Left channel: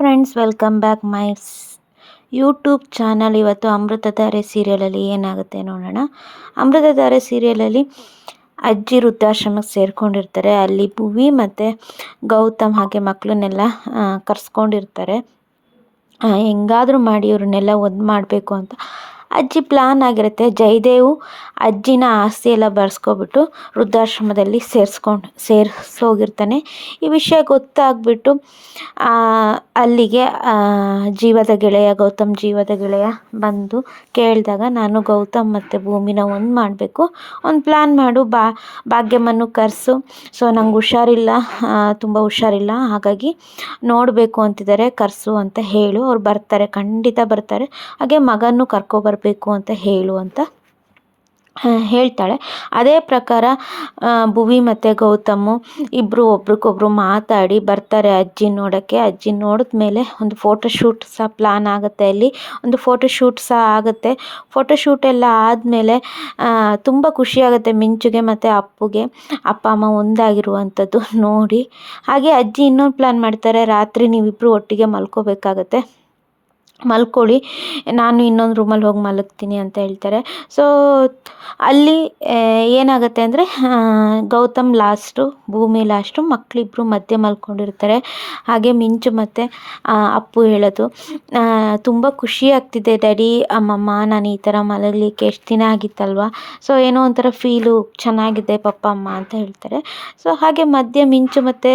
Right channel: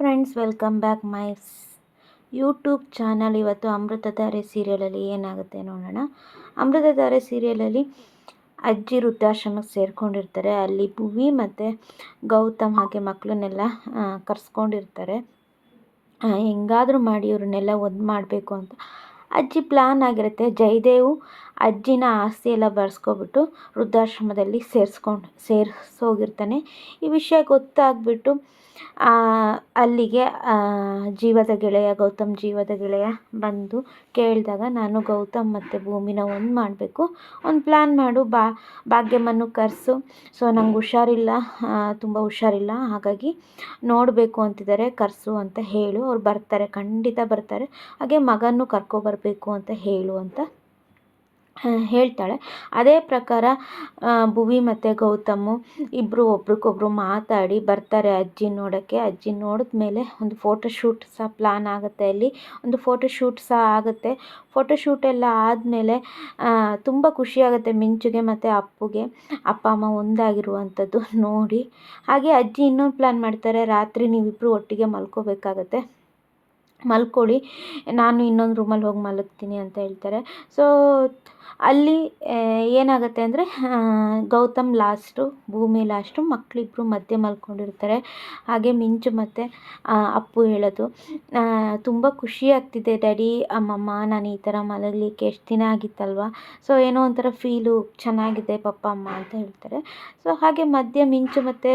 Friends welcome back my YouTube channel ಇವತ್ತು ಅಮೃತಧಾರೆ ಸೀರಿಯಲಲ್ಲಿ ಏನಾಗುತ್ತೆ ನೋಡೋಣ. ಅಮೃತಧಾರೆ ಸೀರಿಯಲಲ್ಲಿ ಅಜ್ಜಿ ವೃದ್ಧಾಶ್ರಮಕ್ಕೆ ಸೇರಿಕೊಂಡಿರ್ತಾರೆ. ಅಲ್ಲಿ ಭುವಿ ಮತ್ತು ಗೌತಮ್ ಹಾಗೆ ಮಕ್ಕಳನ್ನೆಲ್ಲ ಕರ್ಸ್ಕೊಂಡಿರ್ತಾರೆ. ಹೆಂಗಾದರೂ ಮಾಡಿ ಇವ್ರನ್ನೆಲ್ಲ ಒಂದು ಮಾಡಬೇಕು ಅಂತ ಅಜ್ಜಿ ಪ್ಲ್ಯಾನ್ ಆಗಿರುತ್ತೆ. ಜಯದೇವು ಅಜ್ಜಿನ ಆಸ್ತಿ ಎಲ್ಲ ಬರ್ಸ್ಕೊಬಿಟ್ಟು ವೃದ್ಧಾಶ್ರಮದಲ್ಲಿ ಸೇರಿಸ್ಕೊಂಡು, ಸೇರಿಸೋಗಿರ್ತಾನೆ. ಈ ವಿಷಯ ಗೊತ್ತಾಗ್ಬಿಟ್ಟು ಅಲ್ಲಿಗೆ ಜೀವದ ಗೆಳೆಯ, ಗೌತಮ್ ಜೀವದ ಗೆಳೆಯ ಬಂದು ಕೇಳಿದಾಗ, ನಾನು ಗೌತಮ್ ಮತ್ತು ಭೂಮಿನ ಒಂದು ಮಾಡಬೇಕು. ಒಂದು ಪ್ಲ್ಯಾನ್ ಮಾಡು. ಬಾ, ಭಾಗ್ಯಮ್ಮನ್ನು ಕರೆಸು. ಸೊ, ನಂಗೆ ಹುಷಾರಿಲ್ಲ. ತುಂಬ ಹುಷಾರಿಲ್ಲ. ಹಾಗಾಗಿ ನೋಡಬೇಕು ಅಂತಿದ್ದಾರೆ. ಕರೆಸು ಅಂತ ಹೇಳು. ಅವ್ರು ಬರ್ತಾರೆ. ಖಂಡಿತ ಬರ್ತಾರೆ. ಹಾಗೆ ಮಗನೂ ಕರ್ಕೊಬರಬೇಕು. ಅಂತ ಹೇಳು ಅಂತ ಹೇಳ್ತಾಳೆ. ಅದೇ ಪ್ರಕಾರ ಭುವಿ ಮತ್ತು ಗೌತಮು ಇಬ್ಬರು ಒಬ್ರಿಗೊಬ್ರು ಮಾತಾಡಿ ಬರ್ತಾರೆ ಅಜ್ಜಿ ನೋಡೋಕ್ಕೆ. ಅಜ್ಜಿ ನೋಡಿದ ಮೇಲೆ ಒಂದು ಫೋಟೋಶೂಟ್ ಸಹ ಪ್ಲ್ಯಾನ್ ಆಗುತ್ತೆ ಅಲ್ಲಿ. ಒಂದು ಫೋಟೋಶೂಟ್ ಸಹ ಆಗುತ್ತೆ. ಫೋಟೋಶೂಟ್ ಎಲ್ಲ ಆದಮೇಲೆ ತುಂಬ ಖುಷಿಯಾಗುತ್ತೆ ಮಿಂಚುಗೆ ಮತ್ತು ಅಪ್ಪುಗೆ. ಅಪ್ಪ, ಅಮ್ಮ ಒಂದಾಗಿರುವಂಥದ್ದು ನೋಡಿ. ಹಾಗೆ ಅಜ್ಜಿ ಇನ್ನೊಂದು ಪ್ಲ್ಯಾನ್ ಮಾಡ್ತಾರೆ, ರಾತ್ರಿ ನೀವಿಬ್ಬರು ಒಟ್ಟಿಗೆ ಮಲ್ಕೋಬೇಕಾಗತ್ತೆ. ಮಲ್ಕೊಳ್ಳಿ. ನಾನು ಇನ್ನೊಂದು ರೂಮಲ್ಲಿ ಹೋಗಿ ಮಲಗ್ತೀನಿ ಅಂತ ಹೇಳ್ತಾರೆ. ಸೊ ಅಲ್ಲಿ ಏನಾಗುತ್ತೆ ಅಂದರೆ ಗೌತಮ್ ಲಾಸ್ಟು ಭೂಮಿ ಲಾಸ್ಟು ಮಕ್ಕಳಿಬ್ರು ಮಧ್ಯೆ ಮಲ್ಕೊಂಡಿರ್ತಾರೆ. ಹಾಗೆ ಮಿಂಚು ಮತ್ತು ಅಪ್ಪು ಹೇಳೋದು. ತುಂಬ ಖುಷಿ ಆಗ್ತಿದೆ ಡ್ಯಾಡಿ ಅಮ್ಮಮ್ಮ, ನಾನು ಈ ಥರ ಮಲಗಲಿಕ್ಕೆ ಎಷ್ಟು ದಿನ ಆಗಿತ್ತಲ್ವ? ಸೊ ಏನೋ ಒಂಥರ ಫೀಲು ಚೆನ್ನಾಗಿದೆ, ಪಪ್ಪ, ಅಮ್ಮ ಅಂತ ಹೇಳ್ತಾರೆ. ಸೊ ಹಾಗೆ ಮಧ್ಯೆ ಮಿಂಚು ಮತ್ತು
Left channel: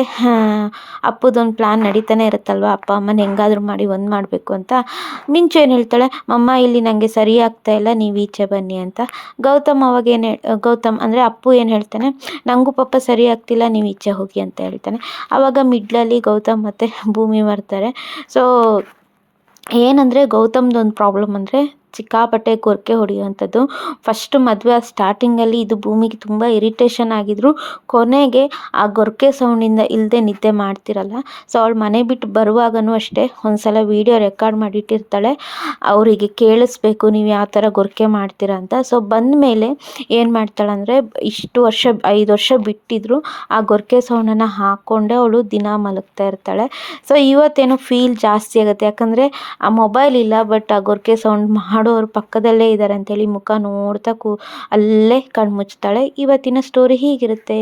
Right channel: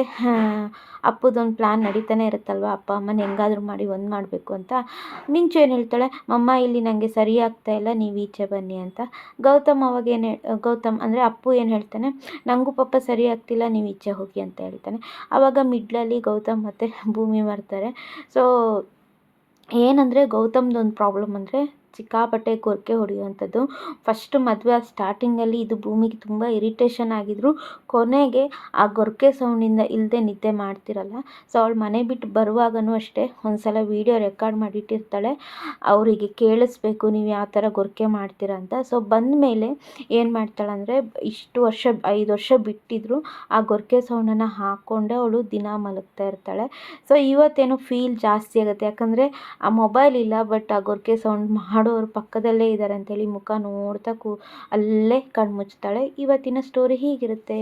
ಅಪ್ಪುದೊಂದು ಪ್ಲ್ಯಾನ್ ನಡೀತಾನೆ ಇರುತ್ತಲ್ವ? ಅಪ್ಪ, ಅಮ್ಮನ ಹೆಂಗಾದ್ರೂ ಮಾಡಿ ಒಂದು ಮಾಡಬೇಕು ಅಂತ. ಮಿಂಚು ಏನು ಹೇಳ್ತಾಳೆ? ಮಮ್ಮ, ಇಲ್ಲಿ ನನಗೆ ಸರಿ ಆಗ್ತಾ ಇಲ್ಲ, ನೀವು ಈಚೆ ಬನ್ನಿ ಅಂತ. ಗೌತಮ್ ಅವಾಗ ಏನು ಗೌತಮ್ ಅಂದರೆ ಅಪ್ಪು ಏನು ಹೇಳ್ತಾನೆ? ನನಗೂ ಪಾಪ ಸರಿ ಆಗ್ತಿಲ್ಲ, ನೀವು ಈಚೆ ಹೋಗಿ ಅಂತ ಹೇಳ್ತಾನೆ. ಆವಾಗ ಮಿಡ್ಲಲ್ಲಿ ಗೌತಮ್ ಮತ್ತು ಭೂಮಿ ಬರ್ತಾರೆ ಸೊ, ಏನಂದರೆ ಗೌತಮ್ದೊಂದು ಪ್ರಾಬ್ಲಮ್ ಅಂದರೆ ಸಿಕ್ಕಾಪಟ್ಟೆ ಕೊರಕೆ ಹೊಡೆಯುವಂಥದ್ದು. ಫಸ್ಟ್ ಮದುವೆ ಸ್ಟಾರ್ಟಿಂಗಲ್ಲಿ ಇದು ಭೂಮಿಗೆ ತುಂಬ ಇರಿಟೇಷನ್ ಆಗಿದ್ರು. ಕೊನೆಗೆ ಆ ಗೊರಕೆ ಸೌಂಡಿಂದ ಇಲ್ಲದೆ ನಿದ್ದೆ ಮಾಡ್ತಿರಲ್ಲ. ಸೊ ಅವಳು ಮನೆ ಬಿಟ್ಟು ಬರುವಾಗಲೂ ಅಷ್ಟೇ ಒಂದು ಸಲ ವೀಡಿಯೋ ರೆಕಾರ್ಡ್ ಮಾಡಿಟ್ಟಿರ್ತಾಳೆ. ಅವರಿಗೆ ಕೇಳಿಸ್ಬೇಕು, ನೀವು ಯಾವ ಥರ ಗೊರಕೆ ಮಾಡ್ತೀರ ಅಂತ. ಸೊ ಬಂದ ಮೇಲೆ ಏನು ಮಾಡ್ತಾಳಂದರೆ, ಇಷ್ಟು ವರ್ಷ, ಐದು ವರ್ಷ ಬಿಟ್ಟಿದ್ರು ಆ ಗೊರಕೆ ಸೌಂಡನ್ನು ಹಾಕ್ಕೊಂಡೆ ಅವಳು ದಿನ ಮಲಗ್ತಾ ಇರ್ತಾಳೆ. ಸೊ ಇವತ್ತೇನು ಫೀಲ್ ಜಾಸ್ತಿ ಆಗುತ್ತೆ. ಯಾಕಂದರೆ ಆ ಮೊಬೈಲ್ ಇಲ್ಲ ಬಟ್ ಆ ಗೊರಕೆ ಸೌಂಡ್ ಮಾಡಿ ಮಾಡೋರು ಪಕ್ಕದಲ್ಲೇ ಇದ್ದಾರೆ ಅಂತ ಹೇಳಿ ಮುಖ ನೋಡ್ತಾ ಕೂ ಅಲ್ಲೇ ಕಣ್ಣು ಮುಚ್ತಾಳೆ ಇವತ್ತಿನ ಸ್ಟೋರಿ ಹೀಗಿರುತ್ತೆ.